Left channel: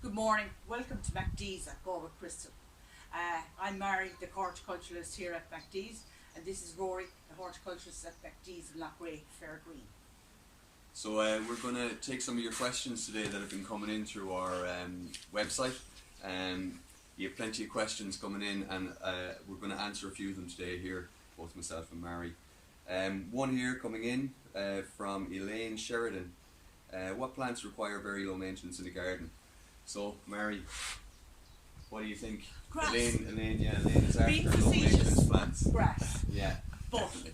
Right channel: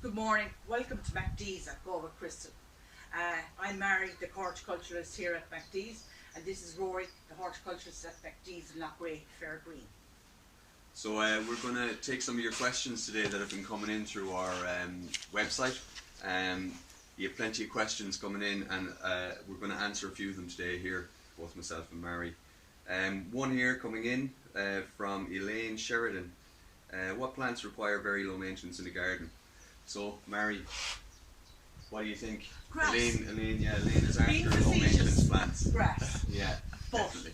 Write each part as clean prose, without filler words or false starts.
Good morning, welcome to MacD's at Go with Crystal. I'm Mary, the horticulturalist here at MacD's, and this is Rory, the horticulturalist at MacD's in Lochway, Fair Green. So we're going to take some of your questions today that have been coming in through our website. You have plenty of questions coming in, and we're going to answer a few of them today here, both myself and Mary. One here coming in from Elaine Sheridan. What plants require very low maintenance in the garden? So, Mary, what do you think? Grass. Elaine is after low maintenance plants. Grass. Yeah, But definitely.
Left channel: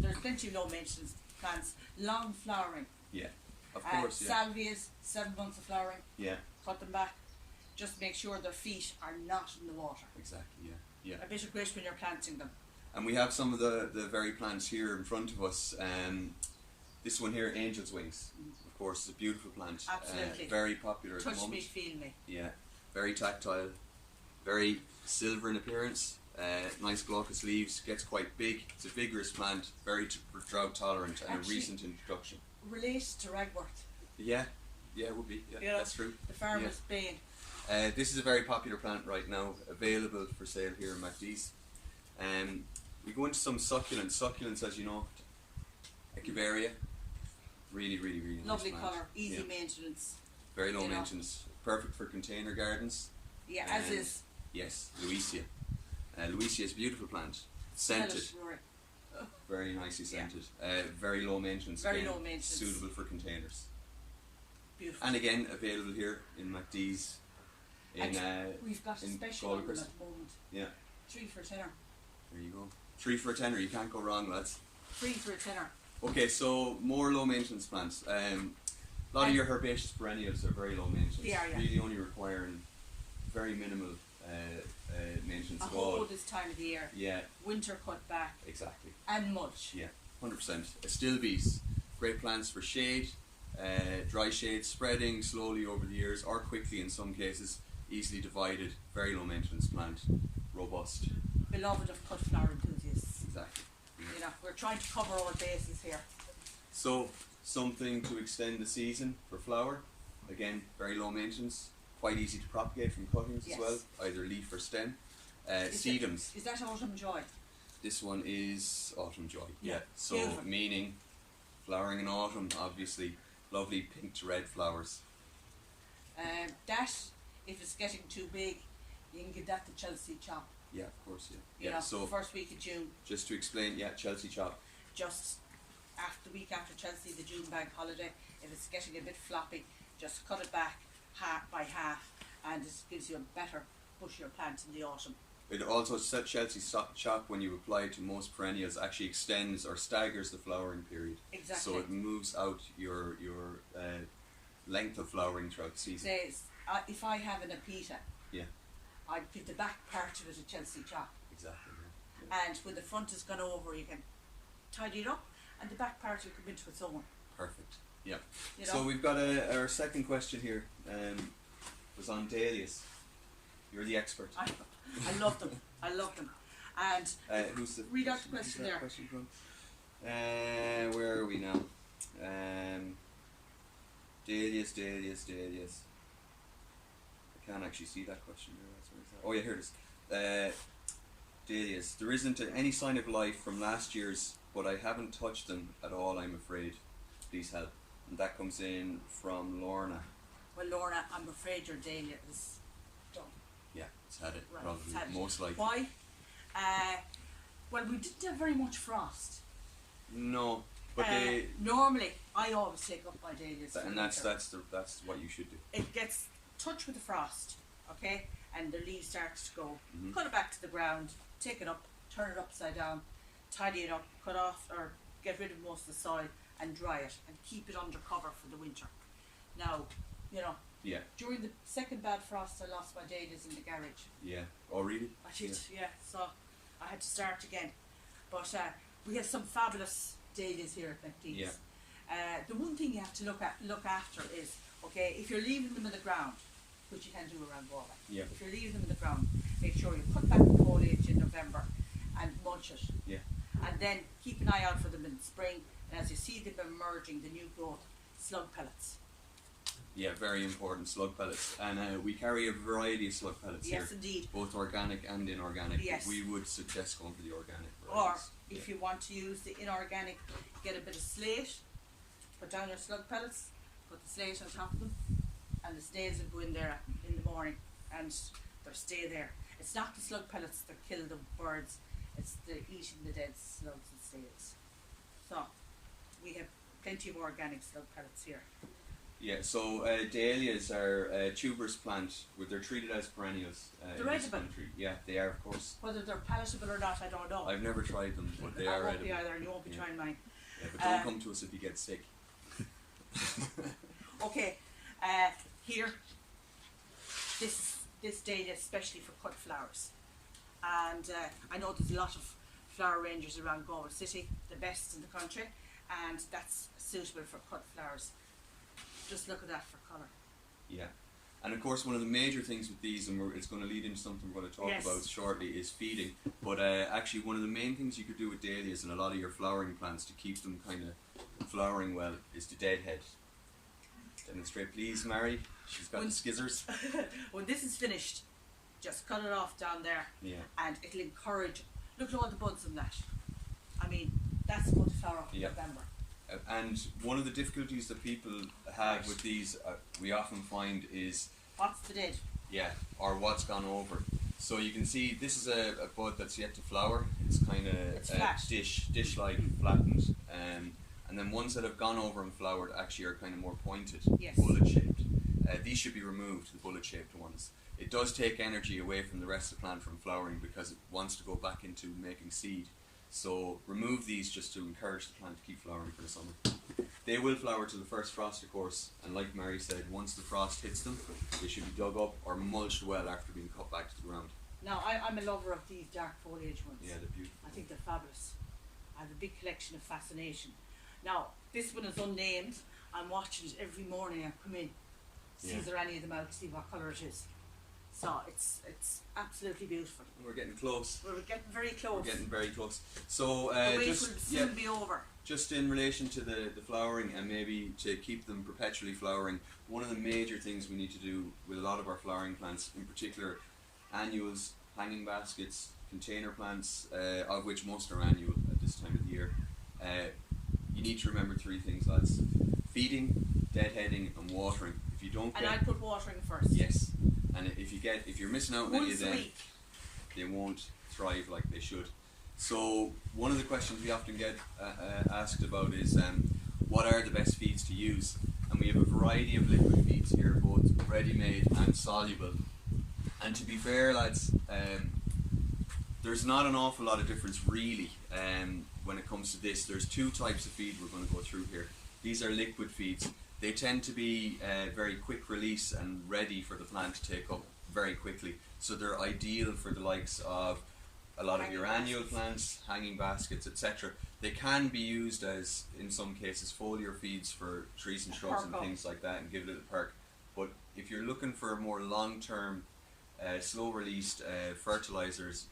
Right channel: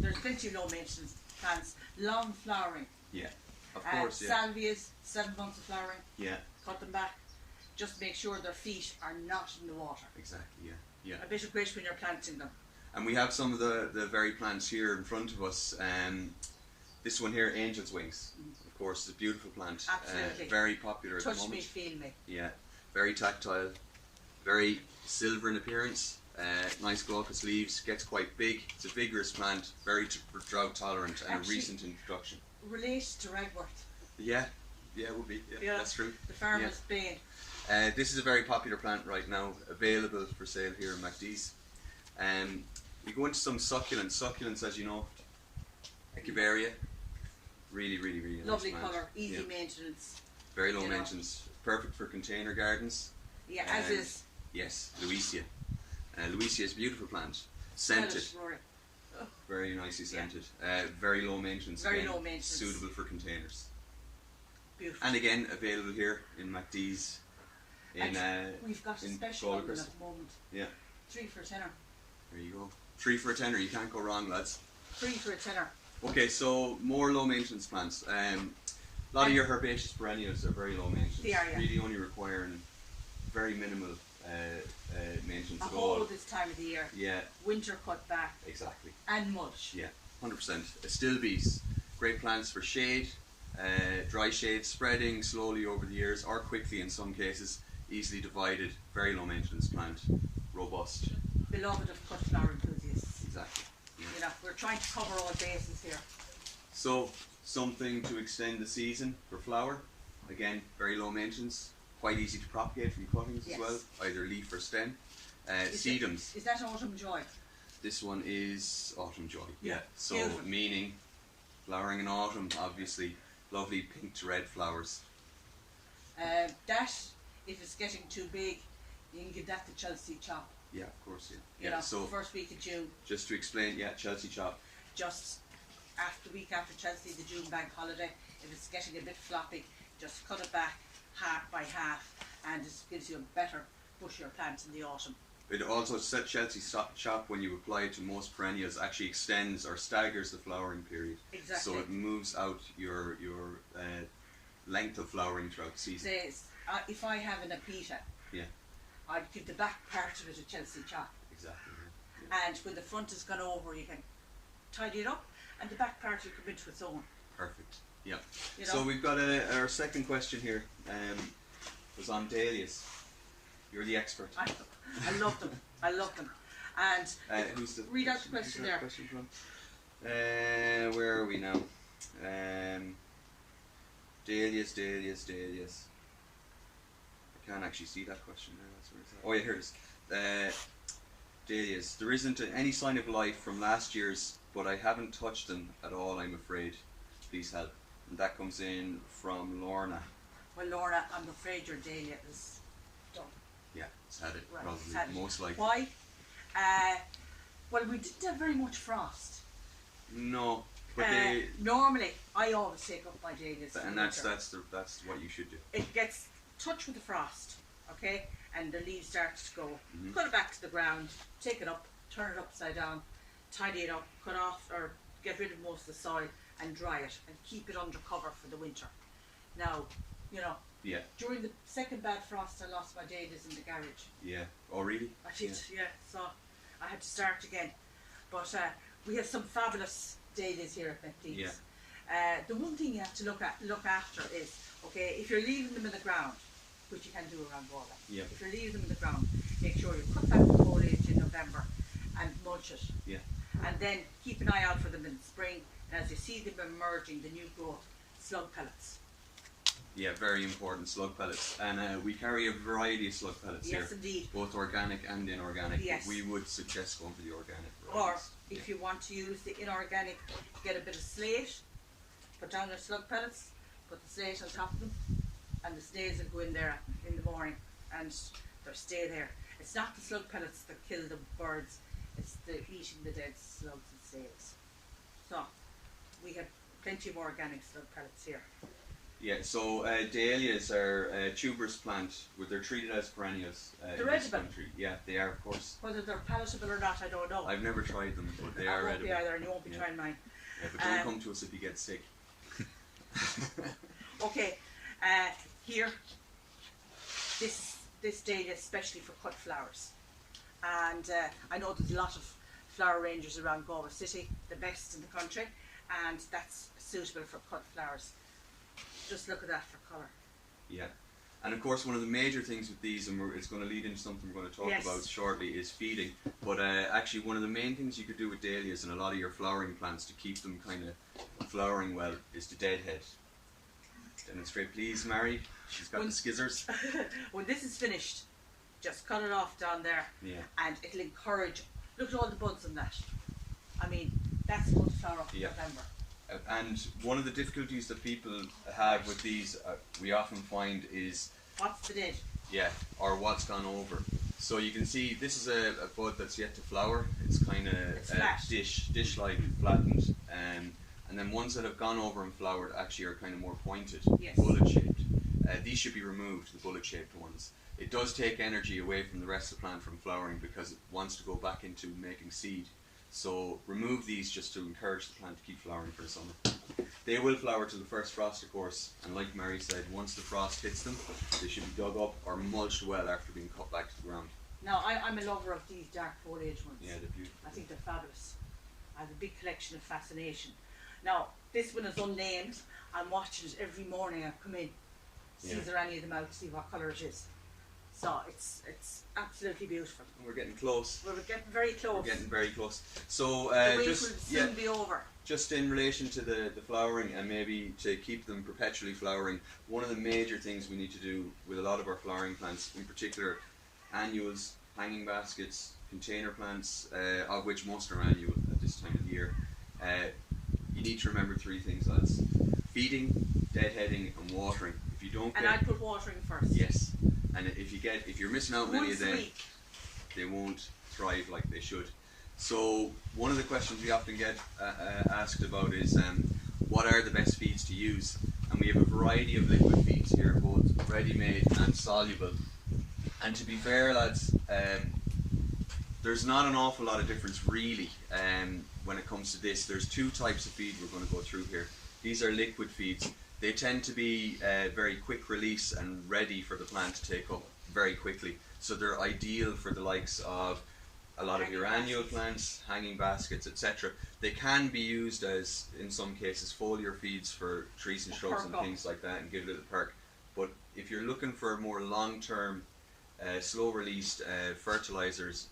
there's plenty of low maintenance plants, long flowering. Yeah, of course. Salvias, 7 months of flowering. Yeah. Cut them back. Just make sure their feet are not in the water. Exactly. Yeah. A bit of grit when you're planting them. And we have some of the very plants here in front of us. This one here, Angel's Wings, of course, is a beautiful plant. Absolutely. Very popular at the Touch moment. me, feel me. Yeah, very tactile, very silver in appearance. Nice glaucous leaves, gets quite big. It's a vigorous plant, very drought tolerant, and Actually, a recent introduction. Related to ragwort. Yeah, it would be. Yeah, that's true. The farmer's bane. This is a very popular plant right now, available for sale here in MacD's. We go into some succulents. Succulents, as you know, Echeveria, really Lovely nice plant. colour, easy maintenance. Very low maintenance, perfect for container gardens. Yeah, as is. Yes, Louisia. Louisia is a beautiful plant, scented, very nicely scented. Very low maintenance. Very again, low maintenance. Suitable for containers. Beautiful. And again, available here in MacD's. We've got a special on them at the moment. Yeah. 3 for a tenner. There you go. 3 for a tenner. You can't go wrong, lads. 3 for a tenner. Okay, so more low maintenance plants. A lot of your herbaceous perennials are very low maintenance. They are, yeah. Really only requiring very minimal maintenance at all. This time of the year. Yeah. Winter cut back. Exactly. And mulch. Yeah, 100%. Astilbes, great plants for shade, dry shade, spreading slowly over the years or quickly in some cases, easily divided, very low maintenance plant, robust. Beloved of cut flower enthusiasts. Exactly. Yeah. You know, we're trying to cover all bases here. So, something to extend the season for flower. Again, very low maintenance, quite easy to propagate from cuttings as well, either leaf or stem. Sedums. Is that Autumn Joy? This one is Autumn Joy. Yeah. So, beautiful. meaning flowering in autumn, obviously, lovely pink to red flowers. That, if it's getting too big, you can give that the Chelsea chop. Yeah, of course, You know, so first week of June. Just to explain, Chelsea chop. Just after the week after Chelsea, the June bank holiday, if it's getting a bit floppy, just cut it back half by half, and it gives you a better bushier plant in the autumn. It also, Chelsea chop, when you apply it to most perennials, actually extends or staggers the flowering period. Exactly. So it moves out your length of flowering throughout the season. Says, if I have an apita, I'd give the back part of it a Chelsea chop. Exactly. Yeah. And when the front is gone over, you can tidy it up, and the back part will come into its own. Perfect. Yeah. You know? So we've got our second question here. Was on dahlias. You're the expert. I love them. And who's the read out the question there. Question from? Where are we now? Dahlias. I can't actually see that question there. Oh yeah, here it is. Dahlias. There isn't any sign of life from last year's, but I haven't touched them at all, I'm afraid. Please help. And that comes in from Lorna. Well, Lorna, I'm afraid your dahlia is done. Yeah, it's had it, Right, probably, it's had it. most likely. Why? Well, we didn't have very much frost. No, but normally I always take up my dahlias. and that's what you should do. It gets touched with the frost, okay, and the leaves start to go. Put it back to the ground, take it up, turn it upside down, tidy it up, cut off or get rid of most of the soil and dry it and keep it under cover for the winter. Now, you know, during the second bad frost I lost my dahlias in the garage. Yeah. Oh really? I did, so I had to start again. But we have some fabulous dahlias here at MacD's. Yeah. The one thing you have to look after is, okay, if you're leaving them in the ground, which you can do around Galway. Yeah. If you're leaving them in the ground, make sure you cut back the foliage in November and mulch it. Yeah. And then keep an eye out for them in spring, and as you see them emerging, the new growth, slug pellets. Yeah, very important, slug pellets. And we carry a variety of slug pellets here. Yes, indeed. Both organic and inorganic. Yes. We would suggest going for the organic Or varieties. if you want to use the inorganic, get a bit of slate, put down your slug pellets, put the slate on top of them, and the snails will go in there in the morning and they'll stay there. It's not the slug pellets that kill the birds, it's the eating the dead slugs and snails. So we have plenty of organic slug pellets here. Yeah, so dahlias are a tuberous plant, where they're treated as perennials in this edible. country. Yeah, they are, of course. Whether they're palatable or not, I don't know. I've never tried them, but they I are won't edible. be either, and you won't be trying mine. Yeah, but don't come to us if you get sick. Okay, here, this dahlia especially for cut flowers, and I know there's a lot of flower rangers around Galway City, the best in the country, and that's suitable for cut flowers. Just look at that for colour. Yeah, and of course one of the major things with these, and it's going to lead into something we're going to talk Yes. about shortly, is feeding. But actually one of the main things you could do with dahlias and a lot of your flowering plants to keep them kind of flowering well is to deadhead. Demonstrate please, Mary. She's got the skizzers. When this is finished, just cut it off down there, Yeah. and it'll encourage. Look at all the buds on that. I mean, that's going to flower up in Yeah. November. And one of the difficulties that people have with these, we often find, is What's the dead? or what's gone over. So you can see this is a bud that's yet to flower. It's kind It's of flat. dish-like, flattened, and then ones that have gone over and flowered actually are kind of more pointed, Yes. bullet-shaped. These should be removed, the bullet-shaped ones. It does take energy away from the rest of the plant from flowering because it wants to go back into making seed. So remove these just to encourage the plant to keep flowering for the summer. They will flower to the first frost, of course, and like Mary said, once the frost hits them, they should be dug up or mulched well after being cut back to the ground. Now, I'm a lover of these dark foliage ones. Yeah, they're beautiful. I think they're fabulous. I have a big collection of fascination. Now, this one is unnamed. I'm watching it every morning. I come in, see if there are any of them out, see what colour it is. So it's absolutely beautiful. We're getting close. We're getting very close. We're getting very close. So the week just will soon be over. just in relation to the flowering and maybe to keep them perpetually flowering, one of the major things we need to do with a lot of our flowering plants, in particular annuals, hanging baskets, container plants, of which most are annual at this time of the year, you need to remember three things, lads: feeding, deadheading, and watering. If you don't, And I'd put watering first. yes, and if you're missing out on any of Once a them, week. they won't thrive like they should. So one of the questions we often get asked about is what are the best feeds to use? And we have a variety of liquid feeds here, both ready-made and soluble. And to be fair, lads, there's not an awful lot of difference really when it comes to this. There's two types of feed we're going to go through here. These are liquid feeds. They tend to be very quick release and ready for the plant to take up very quickly. So they're ideal for the likes of a lot of your annual plants, hanging baskets, etc. They can be used as, in some cases, foliar feeds for trees and shrubs and things like that, and give it a perk. But if you're looking for more long-term, slow-released fertilizers,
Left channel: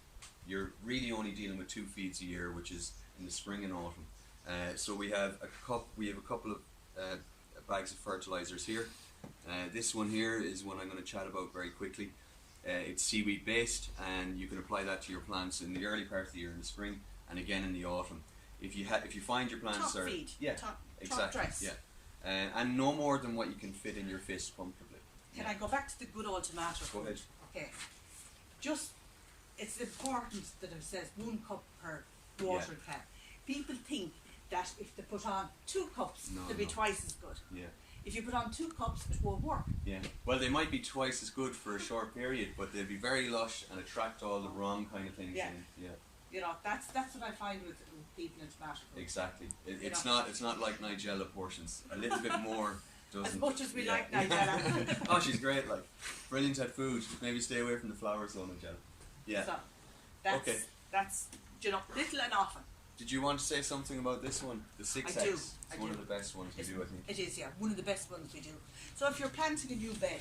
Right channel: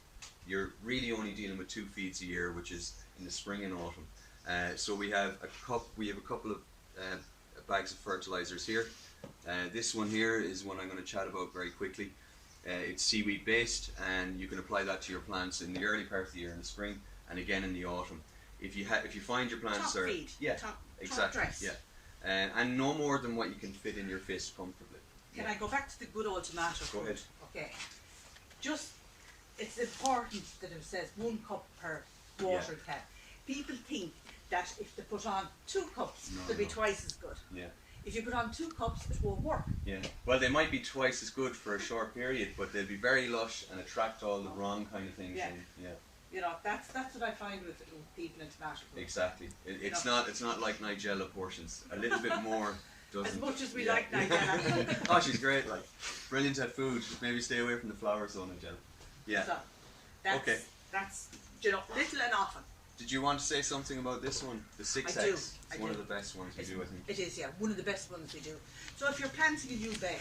you're really only dealing with two feeds a year, which is in the spring and autumn. So we have a couple of bags of fertilizers here. This one here is one I'm going to chat about very quickly. It's seaweed based, and you can apply that to your plants in the early part of the year in the spring, and again in the autumn. If you find your plants Top are feed. Top dress. and no more than what you can fit in your fist comfortably. Can I go back to the good old tomato? Go ahead. Okay. Just, it's important that it says 1 cup per water can. People think that if they put on 2 cups, they'll be twice as good. Yeah. If you put on 2 cups, it won't work. Yeah. Well, they might be twice as good for a short period, but they'll be very lush and attract all the wrong kind of things. Yeah. And, yeah. You know, that's what I find with people in tomato. Exactly. It's not like Nigella portions. A little bit more doesn't. As much as we like Nigella. Oh, she's great. Like, brilliant at food. Just maybe stay away from the flower zone, Nigella. Yeah. So, that's little and often. Did you want to say something about this one? The 6X. I do. It's one of the best ones we do, I think. It is, yeah. One of the best ones we do. So if you're planting a new bed,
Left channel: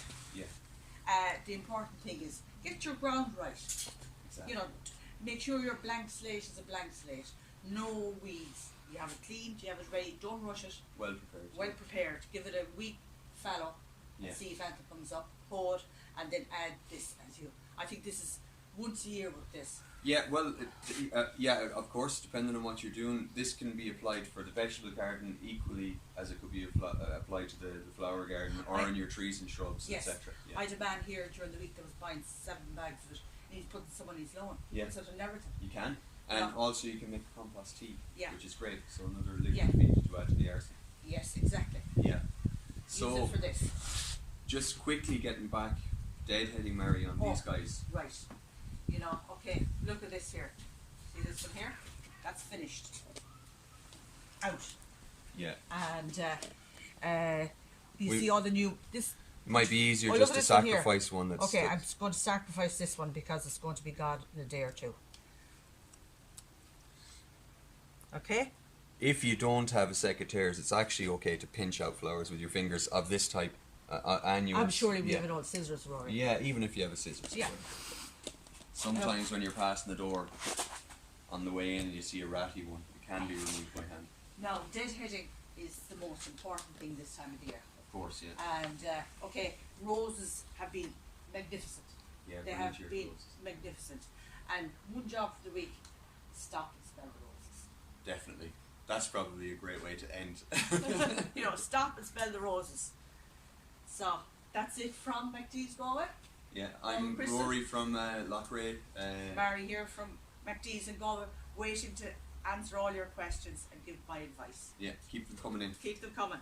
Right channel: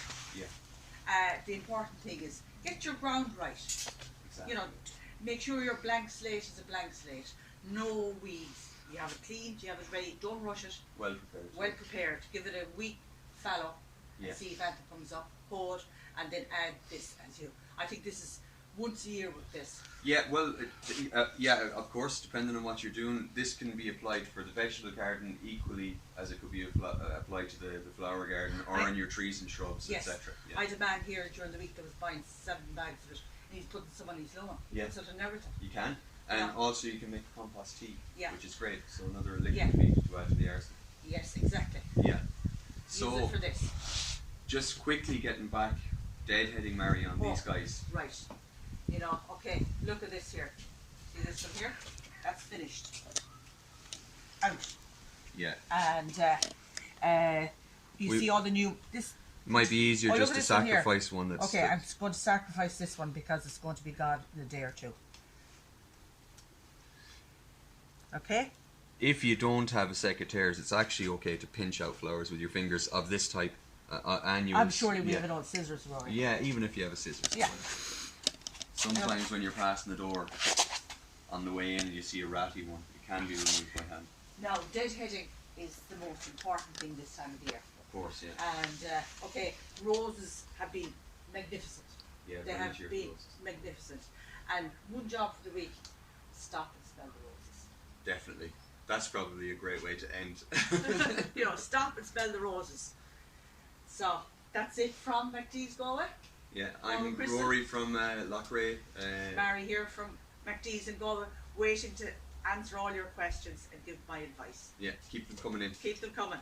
the important thing is get your ground right. Exactly. You know, make sure your blank slate is a blank slate. No weeds. You have it cleaned, you have it ready. Don't rush it. Well prepared. Well prepared. Give it a week fallow, and see if anything comes up, hold, and then add this as you. I think this is once a year with this. Yeah, well, of course, depending on what you're doing, this can be applied for the vegetable garden equally as it could be applied to the flower garden or in your trees and shrubs, yes. etc. I had a man here during the week that was buying 7 bags of it, and he's putting some on his lawn. Yeah. So and everything. You can. And also you can make compost tea, which is great. So another liquid feed to add to the arsenal. Yes, exactly. Yeah. So use it for this. Just quickly getting back, deadheading Mary on these guys. Right. You know, okay, look at this here. See this from here? That's finished. Out. Yeah. And you see all the new this might be easier just to sacrifice one that's okay, I'm going to sacrifice this one because it's going to be gone in a day or two. Okay? If you don't have a secateurs, it's actually okay to pinch out flowers with your fingers of this type. I'm sure we have an old scissors, Rory. Yeah, even if you have a scissors. Yeah. Sometimes when you're passing the door on the way in and you see a ratty one, it can be removed by hand. Now, deadheading is the most important thing this time of the year. Of course, yeah. And, okay, roses have been magnificent. Yeah, they have been magnificent. And one job for the week, stop and smell the roses. Definitely. That's probably a great way to end. You know, stop and smell the roses. So, that's it from McDee's Galway. Yeah, I'm Rory from Loughrea. Mary here from McDee's in Galway, waiting to answer all your questions and give my advice. Yeah, keep them coming in. Keep them coming.